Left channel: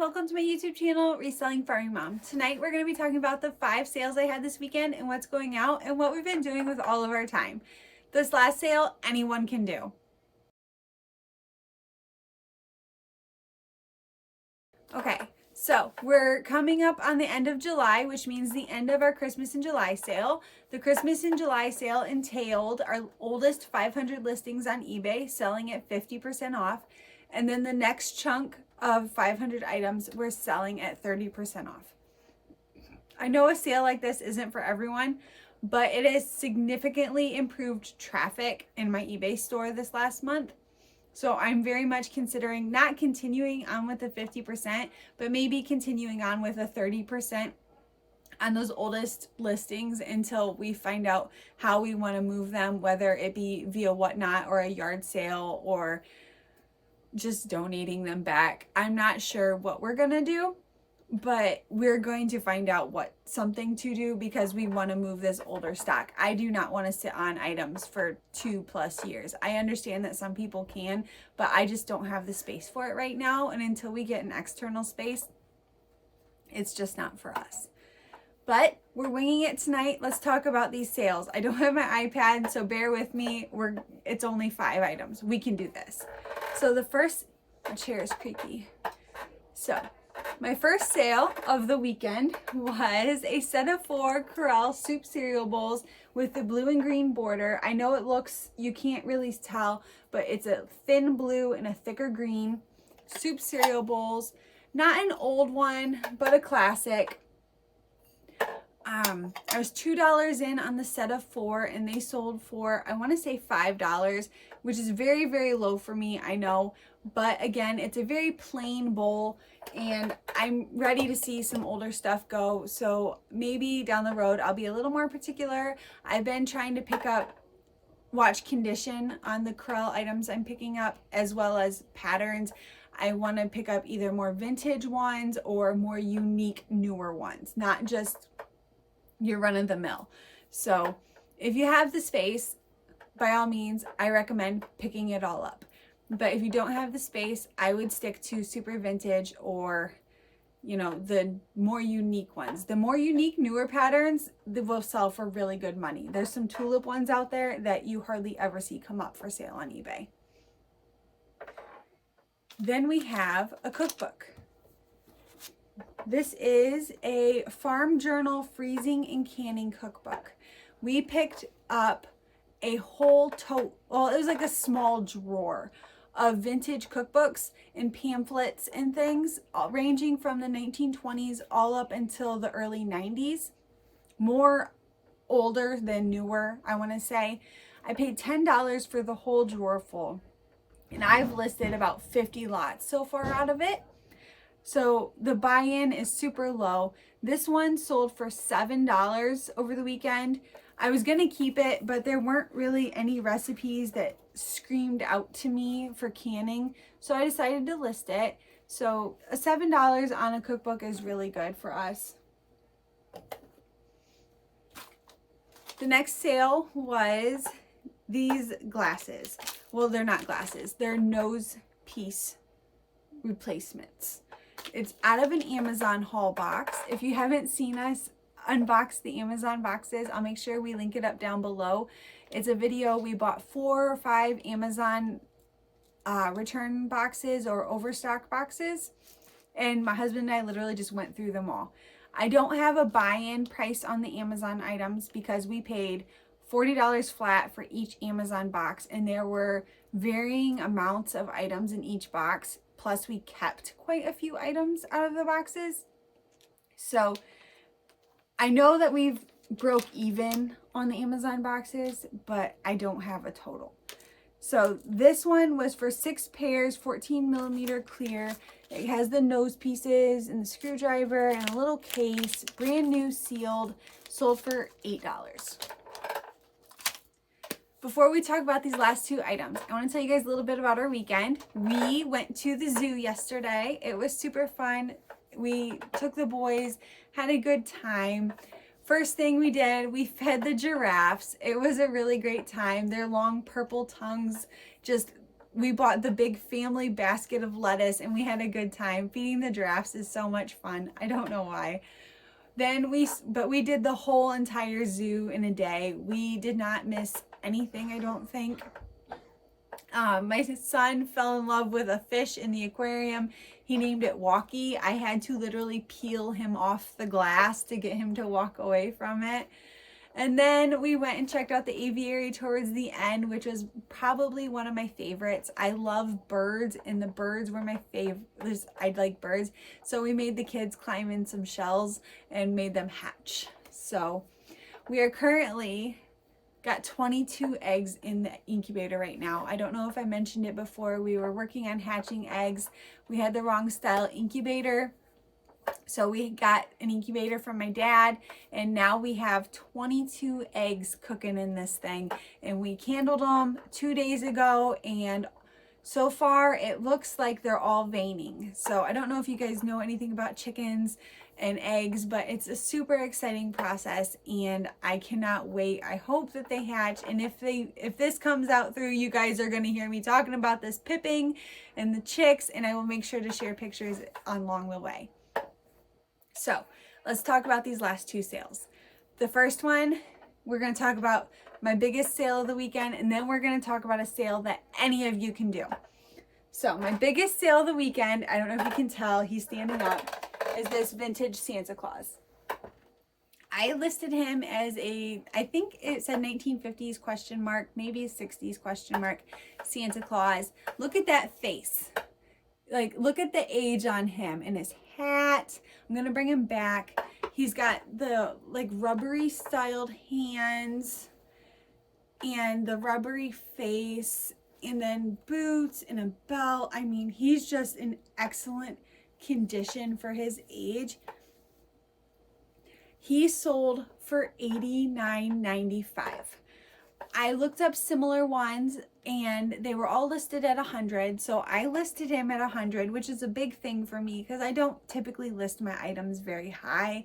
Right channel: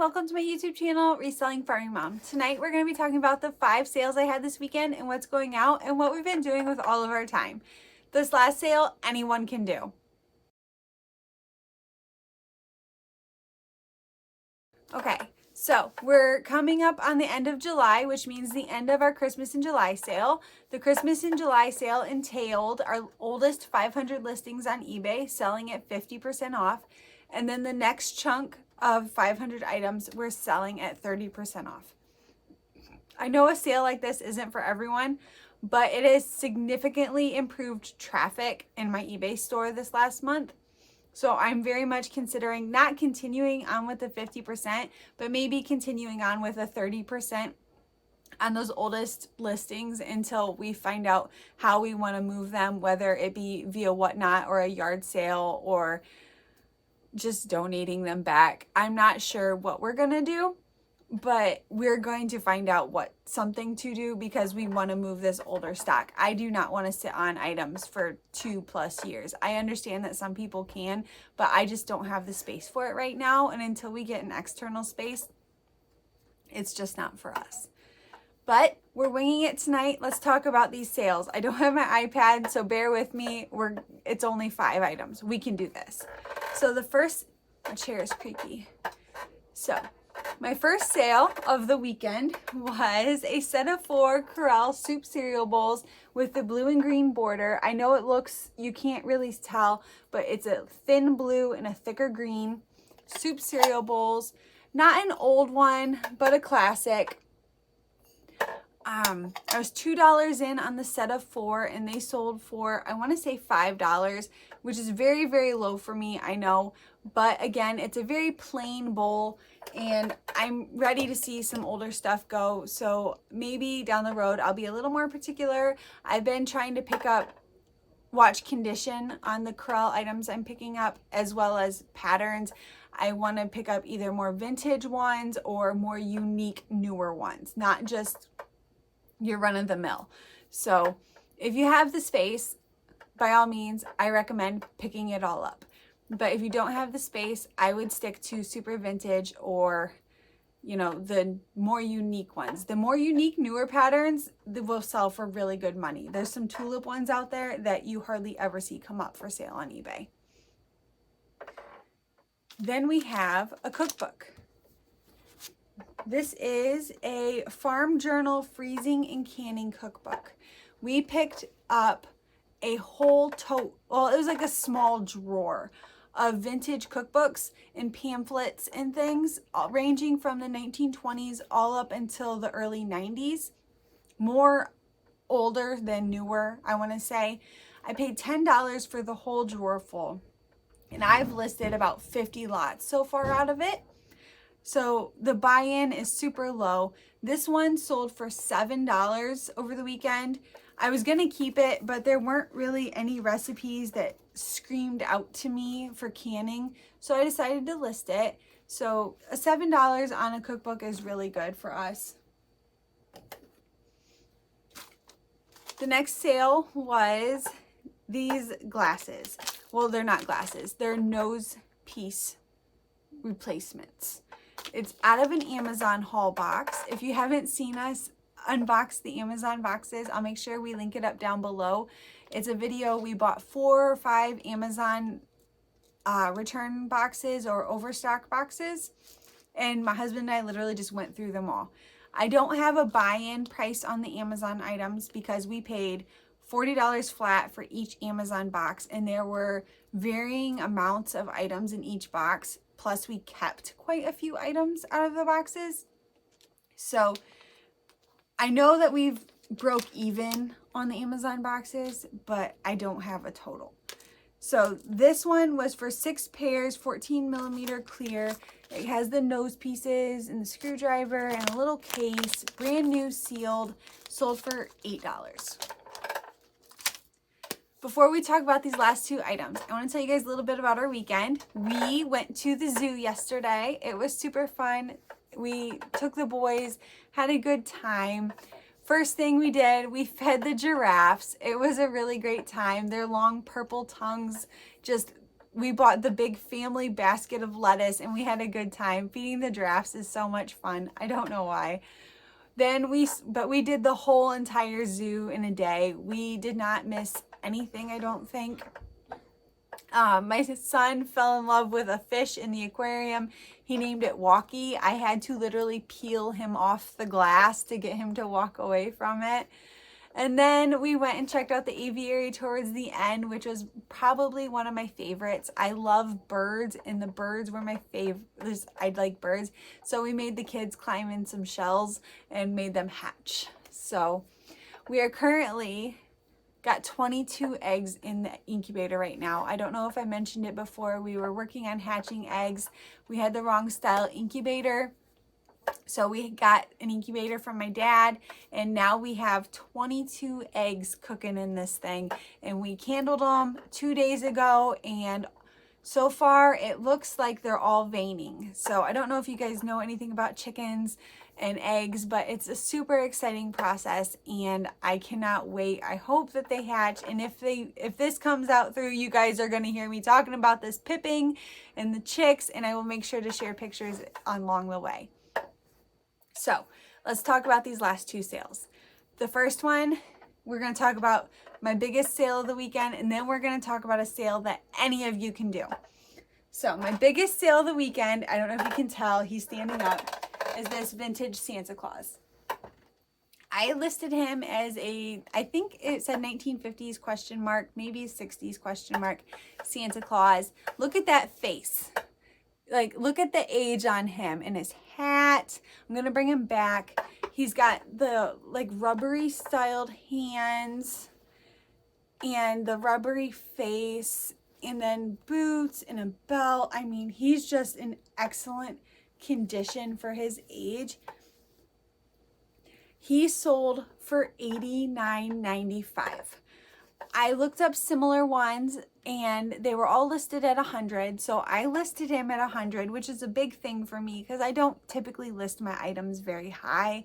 welcome to my YouTube channel, Reselling Farming Mom. Tonight we're going to be talking about the 5 sales I had this weekend and what's going out and what we've been doing with all of our time. This last sale, anyone can do. Okay, so we're coming up on the end of July, which means the end of our Christmas in July sale. The Christmas in July sale entailed our oldest 500 listings on eBay selling at 50% off. And then the next chunk of 500 items we're selling at 30% off. I know a sale like this isn't for everyone, but it has significantly improved traffic in my eBay store this last month. So I'm very much considering not continuing on with the 50%, but maybe continuing on with a 30% on those oldest listings until we find out how we want to move them, whether it be via Whatnot or a yard sale or just donating them back. I'm not sure what we're going to do, but we're going to find out something to do because we want to move this older stock. I do not want to sit on items for 2+ years. I understand that some people can, but I just don't have the space for it right now. And until we get an external space, it's just not for us. But we're winging it tonight. Let's talk about these sales. I don't have my iPad, so bear with me. It's only 5 items. We can do this. So my chair is creaky. So my first sale of the weekend was a set of 4 Corral soup cereal bowls with the blue and green border. I know you can't really tell, but it's a thin blue and a thicker green soup cereal bowls. Not an old one, but a classic. I was $2 in on the set of 4 and they sold for, I want to say $5, which is very, very low for me, I know. But again, it's a very plain bowl and I'm ready to see some older stuff go. So maybe down the road, I'll be a little more particular. I've been trying to watch condition on the Corral items I'm picking up, as well as patterns. I want to pick up either more vintage ones or more unique, newer ones, not just your run-of-the-mill. So if you have the space, by all means, I recommend picking it all up. But if you don't have the space, I would stick to super vintage or, the more unique ones. The more unique, newer patterns, they will sell for really good money. There's some tulip ones out there that you hardly ever see come up for sale on eBay. Then we have a cookbook. This is a Farm Journal freezing and canning cookbook. We picked up a whole it was like a small drawer of vintage cookbooks and pamphlets and things, ranging from the 1920s all up until the early 90s. More older than newer, I want to say. I paid $10 for the whole drawer full, and I've listed about 50 lots so far out of it. So the buy-in is super low. This one sold for $7 over the weekend. I was going to keep it, but there weren't really any recipes that screamed out to me for canning. So I decided to list it. So $7 on a cookbook is really good for us. The next sale was these glasses. Well, they're not glasses. They're nose piece replacements. It's out of an Amazon haul box. If you haven't seen us unbox the Amazon boxes, I'll make sure we link it up down below. It's a video. We bought 4 or 5 Amazon return boxes or overstock boxes, and my husband and I literally just went through them all. I don't have a buy-in price on the Amazon items because we paid $40 flat for each Amazon box, and there were varying amounts of items in each box. Plus, we kept quite a few items out of the boxes. So I know that we've broke even on the Amazon boxes, but I don't have a total. So this one was for 6 pairs, 14mm clear. It has the nose pieces and the screwdriver and a little case, brand new, sealed, sold for $8. Before we talk about these last 2 items, I want to tell you guys a little bit about our weekend. We went to the zoo yesterday. It was super fun. We took the boys, had a good time. First thing we did, we fed the giraffes. It was a really great time. Their long purple tongues just we bought the big family basket of lettuce and we had a good time. Feeding the giraffes is so much fun. I don't know why. But we did the whole entire zoo in a day. We did not miss anything, I don't think. My son fell in love with a fish in the aquarium. He named it Walkie. I had to literally peel him off the glass to get him to walk away from it. And then we went and checked out the aviary towards the end, which was probably one of my favorites. I love birds, and the birds were my favorite. I like birds. So we made the kids climb in some shells and made them hatch. So we are currently got 22 eggs in the incubator right now. I don't know if I mentioned it before. We were working on hatching eggs. We had the wrong style incubator. So we got an incubator from my dad, and now we have 22 eggs cooking in this thing. And we candled them 2 days ago, and so far it looks like they're all veining. So I don't know if you guys know anything about chickens and eggs, but it's a super exciting process, and I cannot wait. I hope that they hatch, and if this comes out through, you guys are going to hear me talking about this pipping and the chicks, and I will make sure to share pictures along the way. So let's talk about these last two sales. The first one, we're going to talk about my biggest sale of the weekend, and then we're going to talk about a sale that any of you can do. So my biggest sale of the weekend, I don't know if you can tell, he's standing up, is this vintage Santa Claus. I listed him as I think it said 1950s question mark, maybe 60s question mark, Santa Claus. Look at that face. Like, look at the age on him and his hat. I'm going to bring him back. He's got the, like, rubbery styled hands and the rubbery face and then boots and a belt. I mean, he's just in excellent condition for his age. He sold for $89.95. I looked up similar ones and they were all listed at $100. So I listed him at $100, which is a big thing for me because I don't typically list my items very high.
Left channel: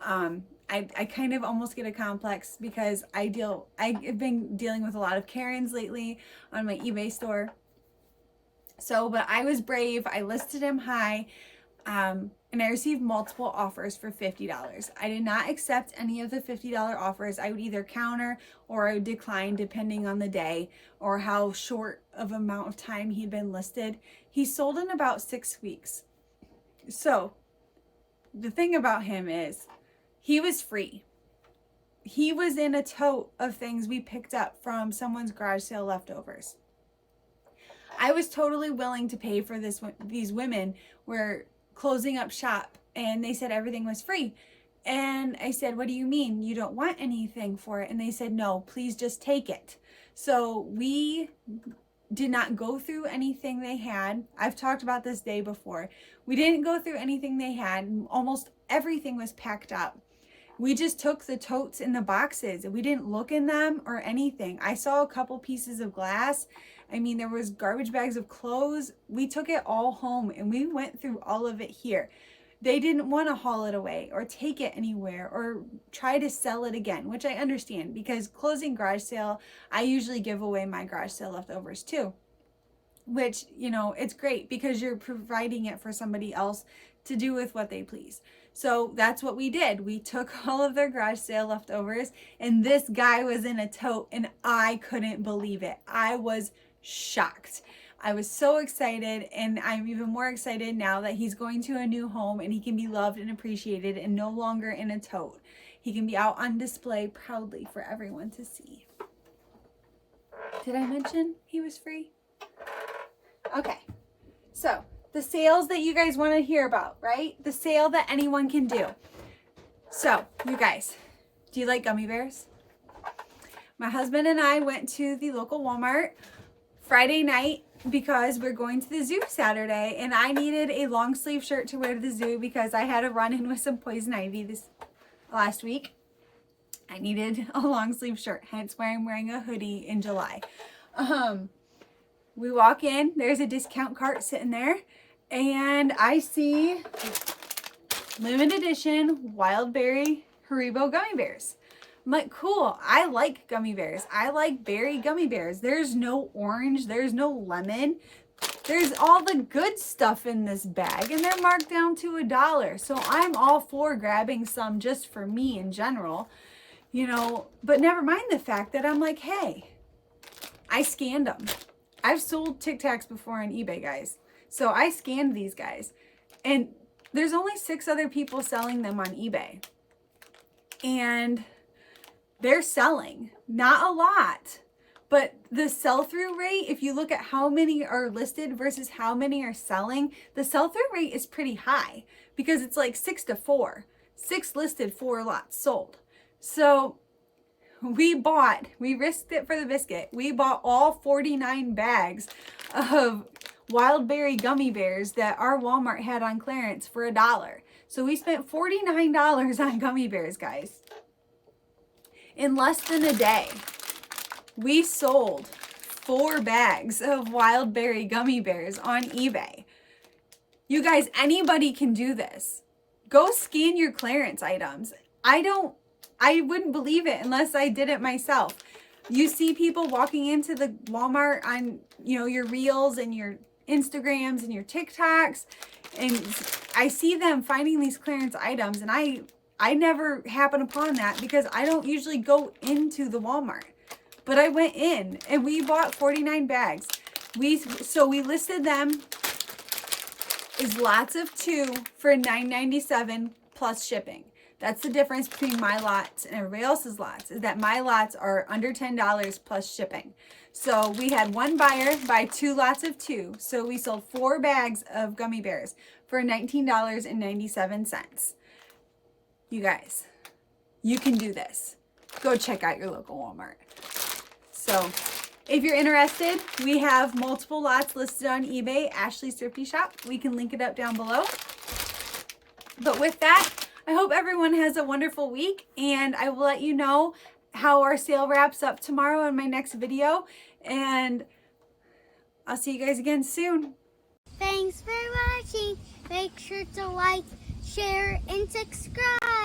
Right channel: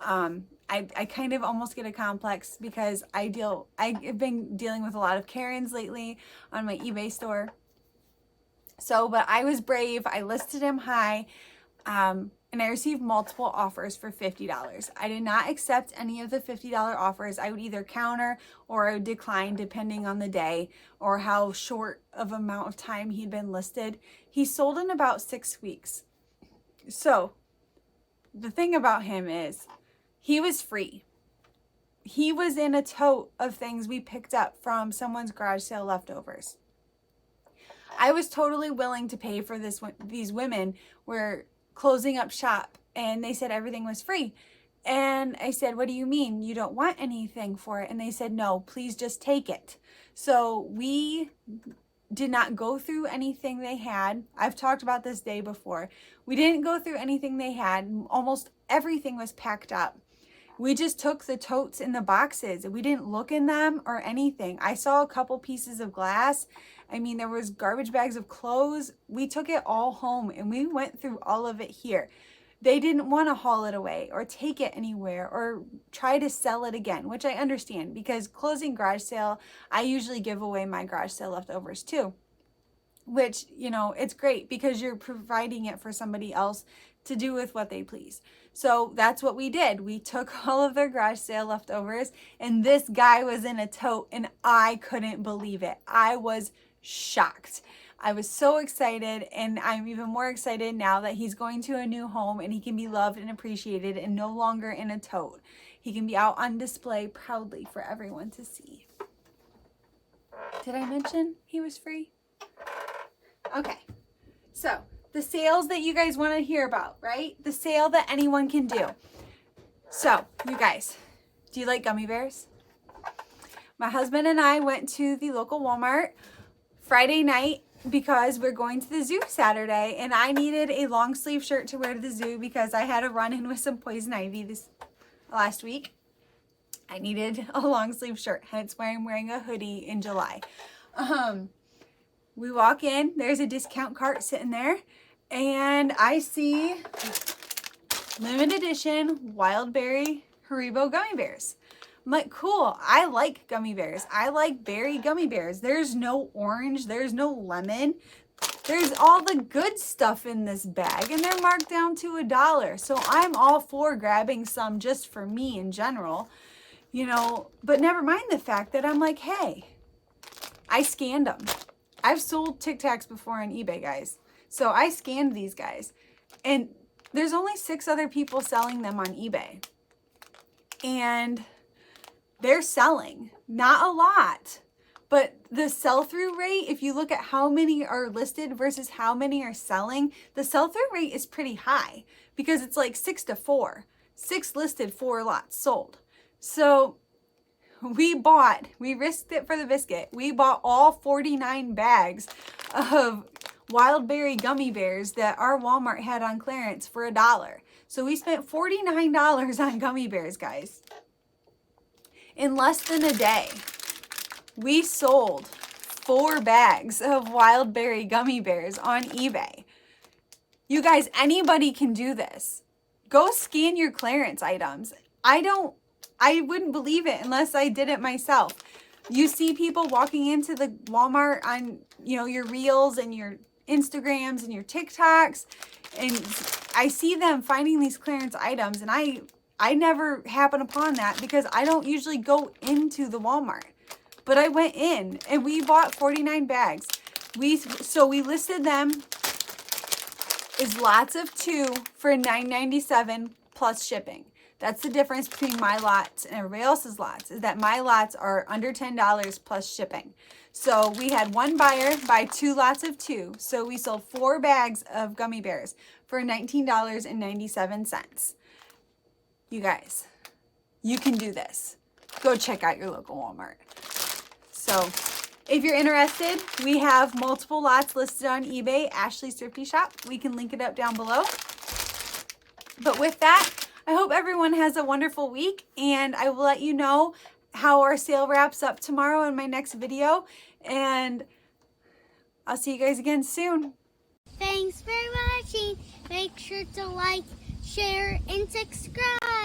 I kind of almost get a complex because I've been dealing with a lot of Karens lately on my eBay store. So, but I was brave. I listed him high. And I received multiple offers for $50. I did not accept any of the $50 offers. I would either counter or decline depending on the day or how short of amount of time he'd been listed. He sold in about 6 weeks. So the thing about him is he was free. He was in a tote of things we picked up from someone's garage sale leftovers. I was totally willing to pay for this. These women were closing up shop and they said everything was free. And I said, what do you mean? You don't want anything for it? And they said, no, please just take it. So we did not go through anything they had. I've talked about this day before. We didn't go through anything they had. Almost everything was packed up. We just took the totes and the boxes. We didn't look in them or anything. I saw a couple pieces of glass. I mean, there was garbage bags of clothes. We took it all home and we went through all of it here. They didn't want to haul it away or take it anywhere or try to sell it again, which I understand because closing garage sale, I usually give away my garage sale leftovers too, which, you know, it's great because you're providing it for somebody else to do with what they please. So that's what we did. We took all of their garage sale leftovers and this guy was in a tote and I couldn't believe it. I was shocked. I was so excited, and I'm even more excited now that he's going to a new home and he can be loved and appreciated and no longer in a tote. He can be out on display proudly for everyone to see. Did I mention he was free? Okay, so the sales that you guys want to hear about, right? The sale that anyone can do. So, you guys, do you like gummy bears? My husband and I went to the local Walmart Friday night because we're going to the zoo Saturday, and I needed a long sleeve shirt to wear to the zoo because I had a run-in with some poison ivy this last week. I needed a long sleeve shirt, hence why I'm wearing a hoodie in July. We walk in, there's a discount cart sitting there, and I see limited edition wild berry Haribo gummy bears. I'm like, cool. I like gummy bears. I like berry gummy bears. There's no orange. There's no lemon. There's all the good stuff in this bag, and they're marked down to $1. So I'm all for grabbing some just for me in general, you know, but never mind the fact that I'm like, hey, I scanned them. I've sold Tic Tacs before on eBay, guys. So I scanned these guys, and there's only 6 other people selling them on eBay, and they're selling, not a lot. But the sell-through rate, if you look at how many are listed versus how many are selling, the sell-through rate is pretty high because it's like 6 to 4. 6 listed, 4 lots sold. So we risked it for the biscuit. We bought all 49 bags of wild berry gummy bears that our Walmart had on clearance for $1. So we spent $49 on gummy bears, guys. In less than a day. We sold 4 bags of wild berry gummy bears on eBay. You guys, anybody can do this. Go scan your clearance items. I wouldn't believe it unless I did it myself. You see people walking into the Walmart on, you know, your Reels and your Instagrams and your TikToks, and I see them finding these clearance items, and I never happen upon that because I don't usually go into the Walmart. But I went in and we bought 49 bags. So we listed them as lots of 2 for $9.97 plus shipping. That's the difference between my lots and everybody else's lots, is that my lots are under $10 plus shipping. So we had one buyer buy 2 lots of 2. So we sold 4 bags of gummy bears for $19.97. You guys, you can do this. Go check out your local Walmart. So if you're interested, we have multiple lots listed on eBay, Ashley's Thrifty Shop. We can link it up down below. But with that, I hope everyone has a wonderful week, and I will let you know how our sale wraps up tomorrow in my next video, and I'll see you guys again soon. Thanks for watching. Make sure to like, share, and subscribe.